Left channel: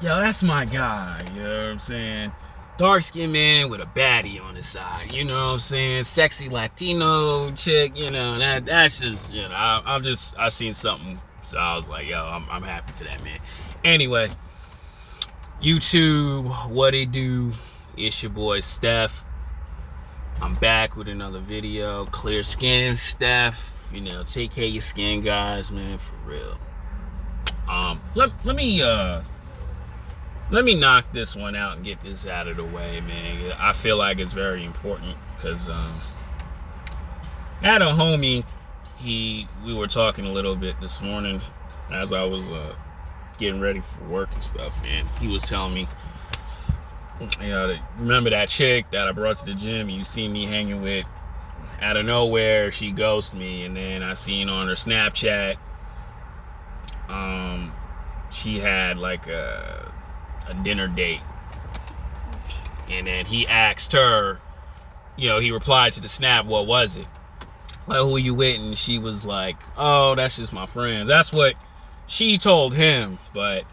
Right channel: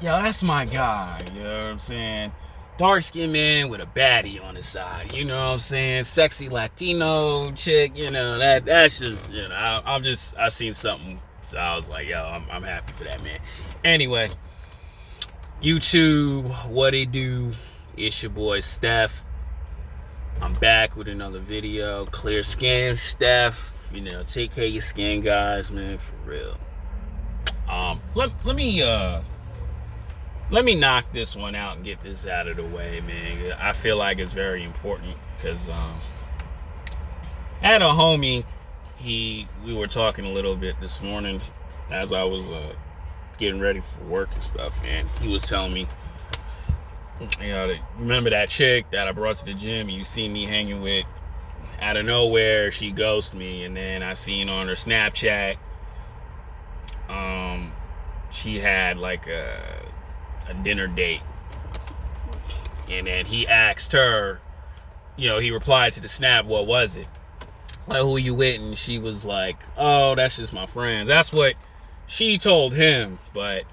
yo, that's my guy. You know what I'm saying? Dark skinned man with a baddie on his side. You know what I'm saying? Sexy Latino chick. You know that's just I seen something, so I was like, yo, I'm happy for that man. Anyway, YouTube, what it do? It's your boy Steph. I'm back with another video. Clear skin, Steph. You know, take care of your skin, guys, man, for real. Let me knock this one out and get this out of the way, man. I feel like it's very important because I had a homie. We were talking a little bit this morning as I was getting ready for work and stuff, and he was telling me, you know, remember that chick that I brought to the gym and you see me hanging with? Out of nowhere, she ghosted me, and then I seen on her Snapchat, she had like a dinner date, and then he asked her, you know, he replied to the snap, what was it? Like, who are you with? And she was like, oh, that's just my friends. That's what she told him. But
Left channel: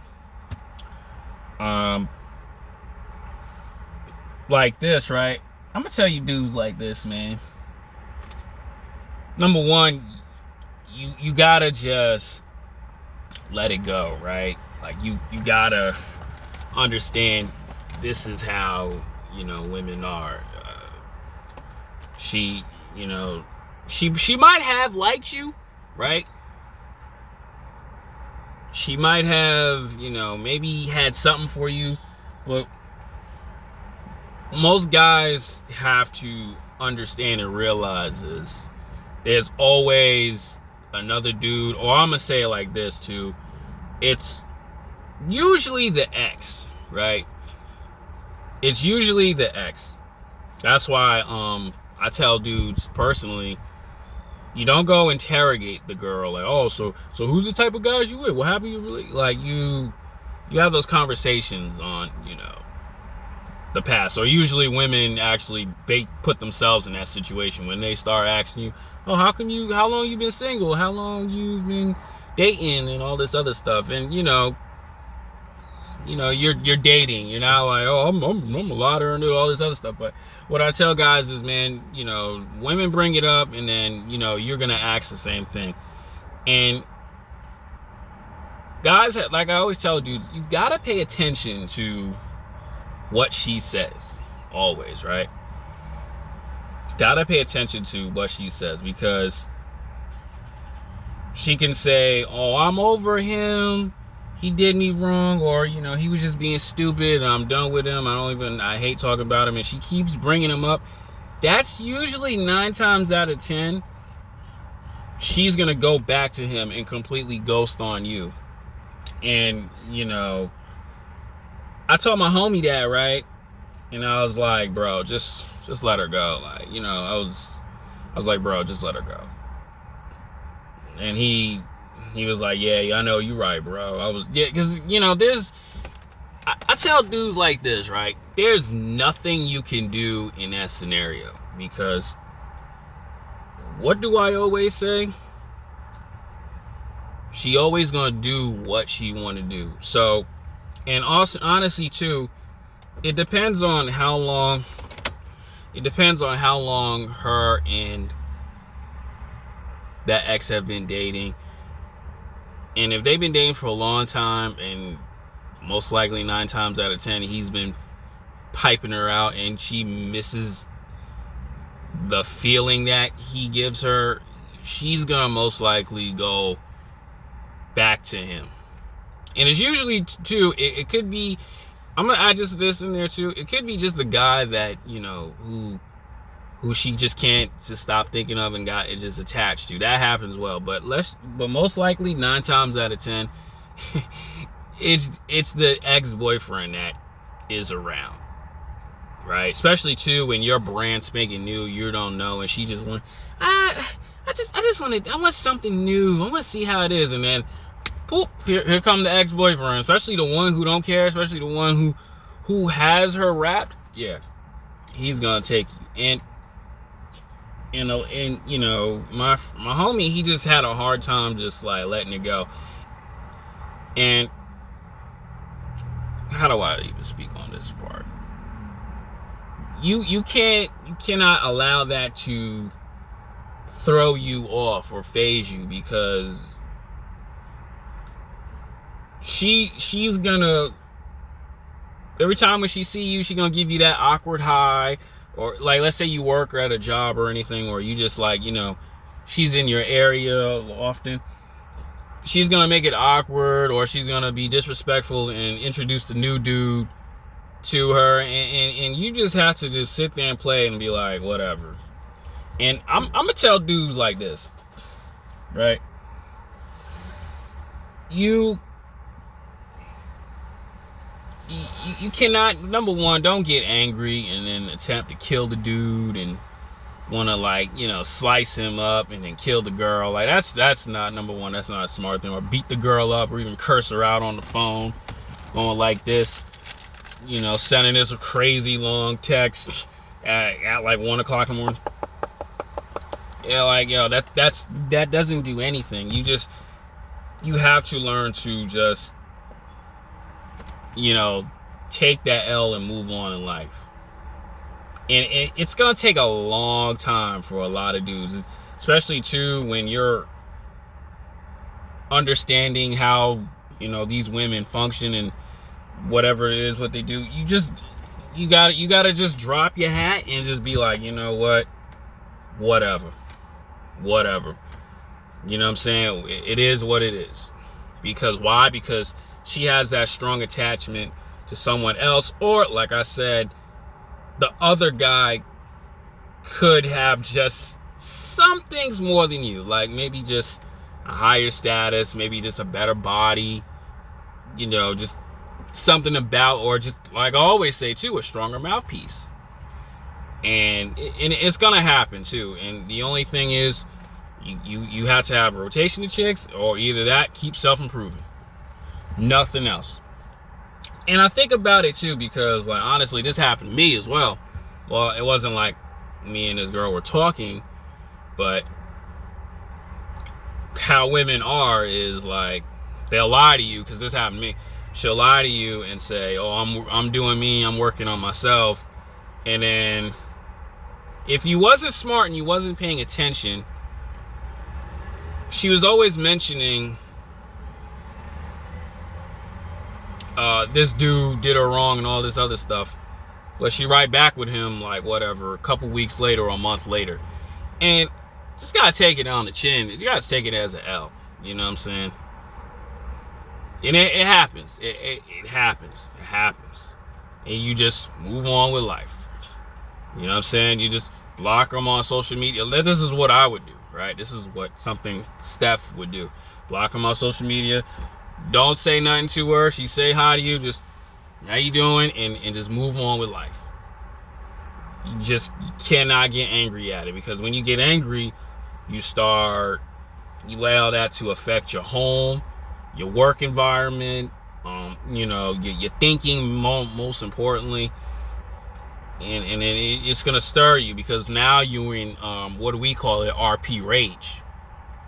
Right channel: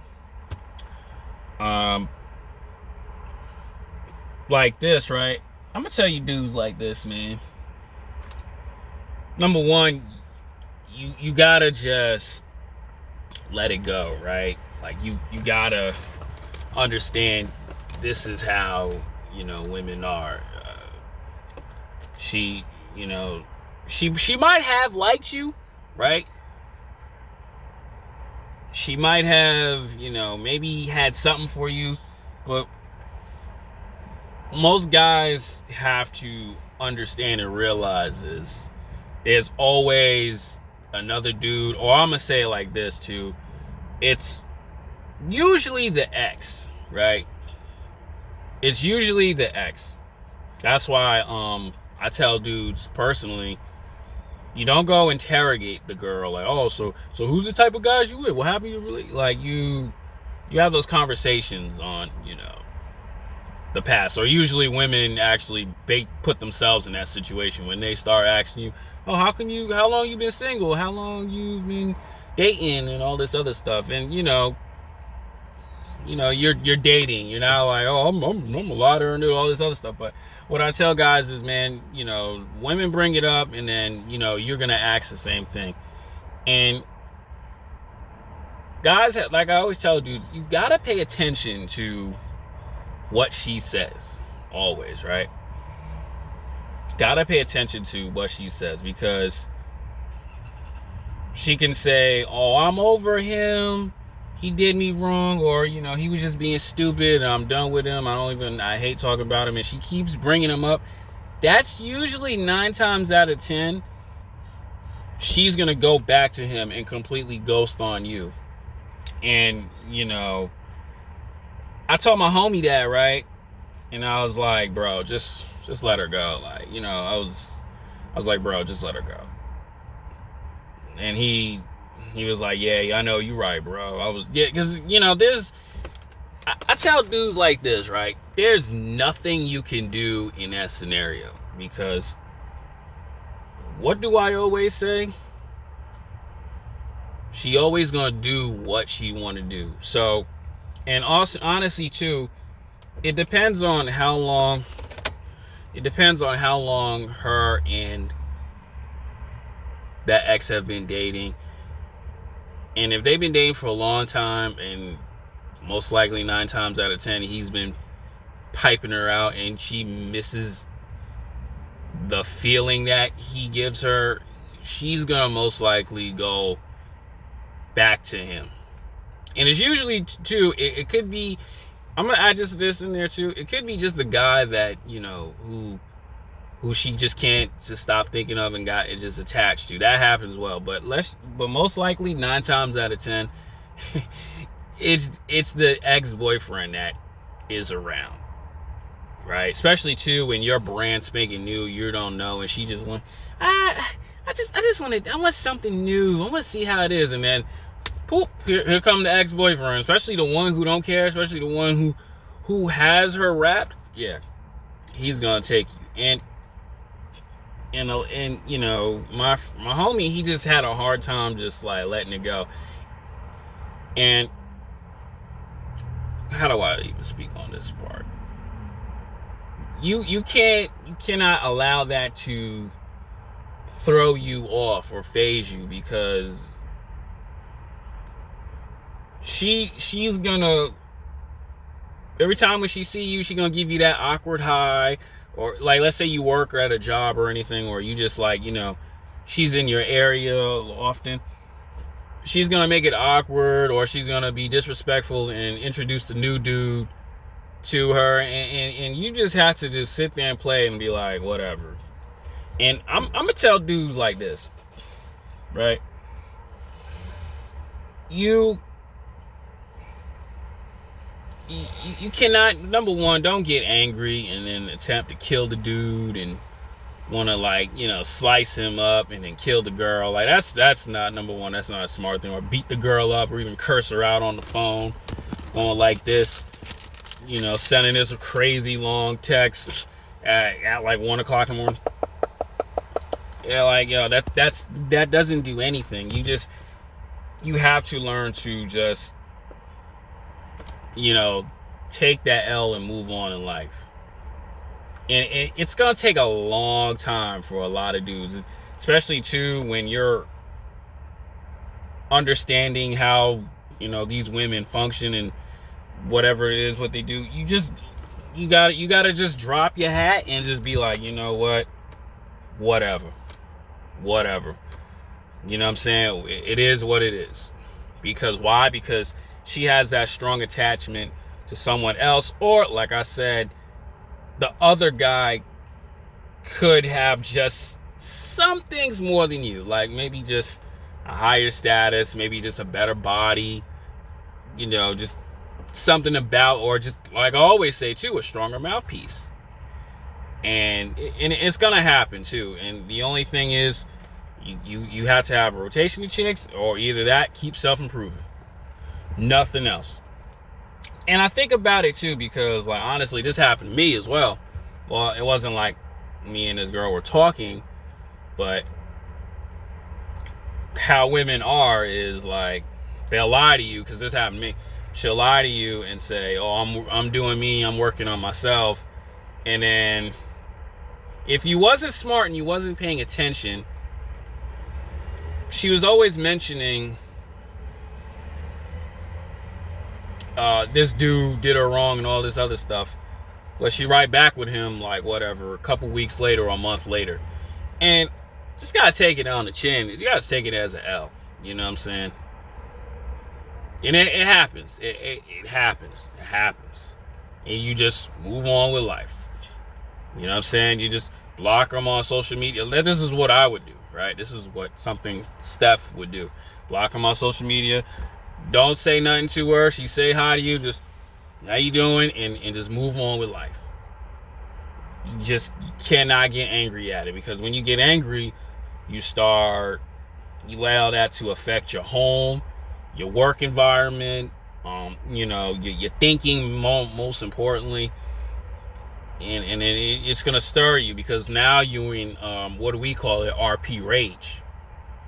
like this, right? I'm gonna tell you dudes like this, man. Number one, you gotta just let it go, right? Like you gotta understand this is how, you know, women are. She might have liked you, right? She might have, you know, maybe had something for you, but most guys have to understand and realize this. There's always another dude, or I'm gonna say it like this too. It's usually the ex, right? It's usually the ex. That's why I tell dudes personally, you don't go interrogate the girl like, oh, so who's the type of guys you with? What happened? You really like you have those conversations on, you know, the past. Or usually women actually put themselves in that situation when they start asking you, oh, how long you been single? How long you've been dating and all this other stuff? And you know, you're dating. You're not like, oh, I'm a lotter and do all this other stuff. But what I tell guys is, man, you know, women bring it up, and then, you know, you're gonna ask the same thing. And guys, like I always tell dudes, you gotta pay attention to what she says. Always, right? Gotta pay attention to what she says, because she can say, oh, I'm over him, he did me wrong, or, you know, he was just being stupid, I'm done with him, I hate talking about him, and she keeps bringing him up. That's usually 9 times out of 10 she's gonna go back to him and completely ghost on you. And, you know, I told my homie that, right? And I was like, bro, just let her go. Like, you know, I was like, bro, just let her go. And he was like, yeah, I know, you're right, bro. Because, you know, I tell dudes like this, right? There's nothing you can do in that scenario, because what do I always say? She always gonna do what she want to do. So, and also, honestly, too, it depends on how long her and that ex have been dating. And if they've been dating for a long time, and most likely 9 times out of 10 he's been piping her out, and she misses the feeling that he gives her, she's gonna most likely go back to him. And it's usually too, it could be, I'm gonna add just this in there too, it could be just the guy that, you know, who she just can't just stop thinking of and got it just attached to. That happens well, but most likely 9 times out of 10 it's the ex-boyfriend that is around, right? Especially too when you're brand spanking new, you don't know, and she just want, I want something new, I want to see how it is, and then poop, here come the ex-boyfriend, especially the one who don't care, especially the one who has her wrapped. Yeah, he's gonna take you. And you know, my homie, he just had a hard time just like letting it go. And how do I even speak on this part? You cannot allow that to throw you off or phase you, because she's gonna, every time when she see you, she's gonna give you that awkward high. Or like, let's say you work at a job or anything, or you just like, she's in your area often. She's gonna make it awkward, or she's gonna be disrespectful and introduce the new dude to her, and you just have to just sit there and play and be like, whatever. And I'm gonna tell dudes like this, right? You cannot, number one, don't get angry and then attempt to kill the dude and want to, like, slice him up and then kill the girl. Like, that's not, number one, that's not a smart thing. Or beat the girl up, or even curse her out on the phone, going like this, sending this crazy long text at like 1 o'clock in the morning. Yeah, like, that doesn't do anything. You have to learn to just, take that L and move on in life. And it's gonna take a long time for a lot of dudes, especially too when you're understanding how these women function and whatever it is what they do. You gotta just drop your hat and just be like, whatever. You know what I'm saying? It is what it is. Because why? Because she has that strong attachment to someone else, or like I said, the other guy could have just some things more than you, like maybe just a higher status, maybe just a better body, just something about, or just like I always say too, a stronger mouthpiece. And it's gonna happen too. And the only thing is, you have to have a rotation of chicks, or either that, keep self-improving, nothing else. And I think about it too, because like, honestly, this happened to me as well. Well, it wasn't like me and this girl were talking, but how women are is like, they'll lie to you, because this happened to me. She'll lie to you and say, oh, I'm doing me, I'm working on myself. And then if you wasn't smart and you wasn't paying attention, she was always mentioning this dude did her wrong and all this other stuff. But she right back with him, like, whatever, a couple weeks later or a month later. And just gotta take it on the chin. You gotta take it as an L. You know what I'm saying? And it happens. It happens. It happens. And you just move on with life. You know what I'm saying? You just block them on social media. This is what I would do, right? This is what something Steph would do. Block them on social media. Don't say nothing to her. She say hi to you, just, how you doing? And just move on with life. You cannot get angry at it, because when you get angry, you allow that to affect your home, your work environment, your thinking, most importantly. And then it's gonna stir you, because now you're in what do we call it, RP rage.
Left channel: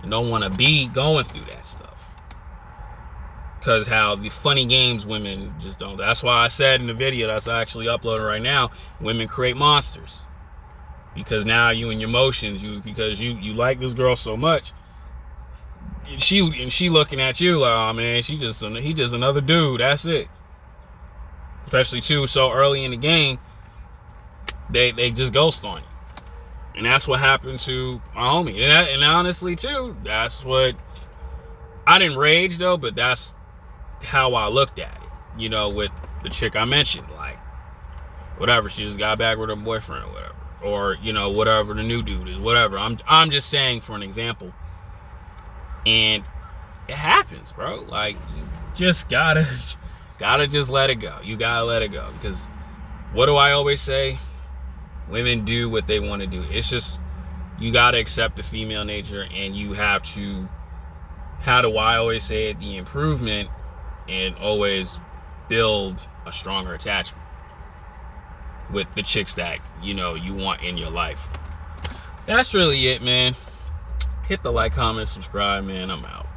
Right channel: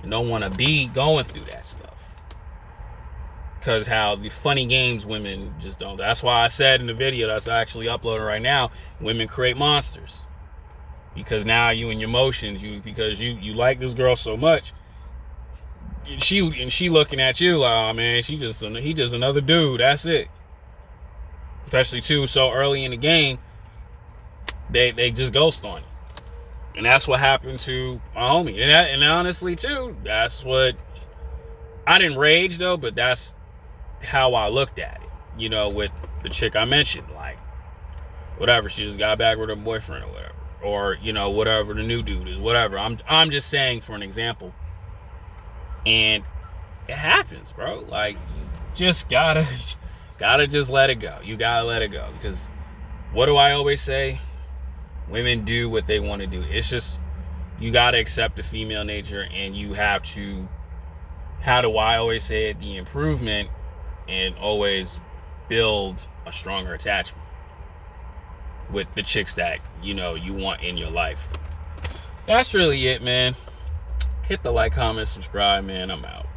You don't want to be going through that stuff, because how the funny games women just don't. That's why I said in the video that's actually uploading right now, women create monsters, because now you in your emotions, because you like this girl so much, she looking at you like, oh man, he just another dude, that's it. Especially too so early in the game, they just ghost on you. And that's what happened to my homie. And honestly too, that's what, I didn't rage though, but that's how I looked at it, with the chick I mentioned. Like, whatever, she just got back with her boyfriend or whatever, or whatever the new dude is, whatever. I'm just saying for an example. And it happens, bro. Like, you just gotta just let it go. You gotta let it go, because what do I always say? Women do what they want to do. It's just, you gotta accept the female nature, and you have to, how do I always say it, the improvement, and always build a stronger attachment with the chicks that you want in your life. That's really it, man. Hit the like, comment, subscribe, man. I'm out.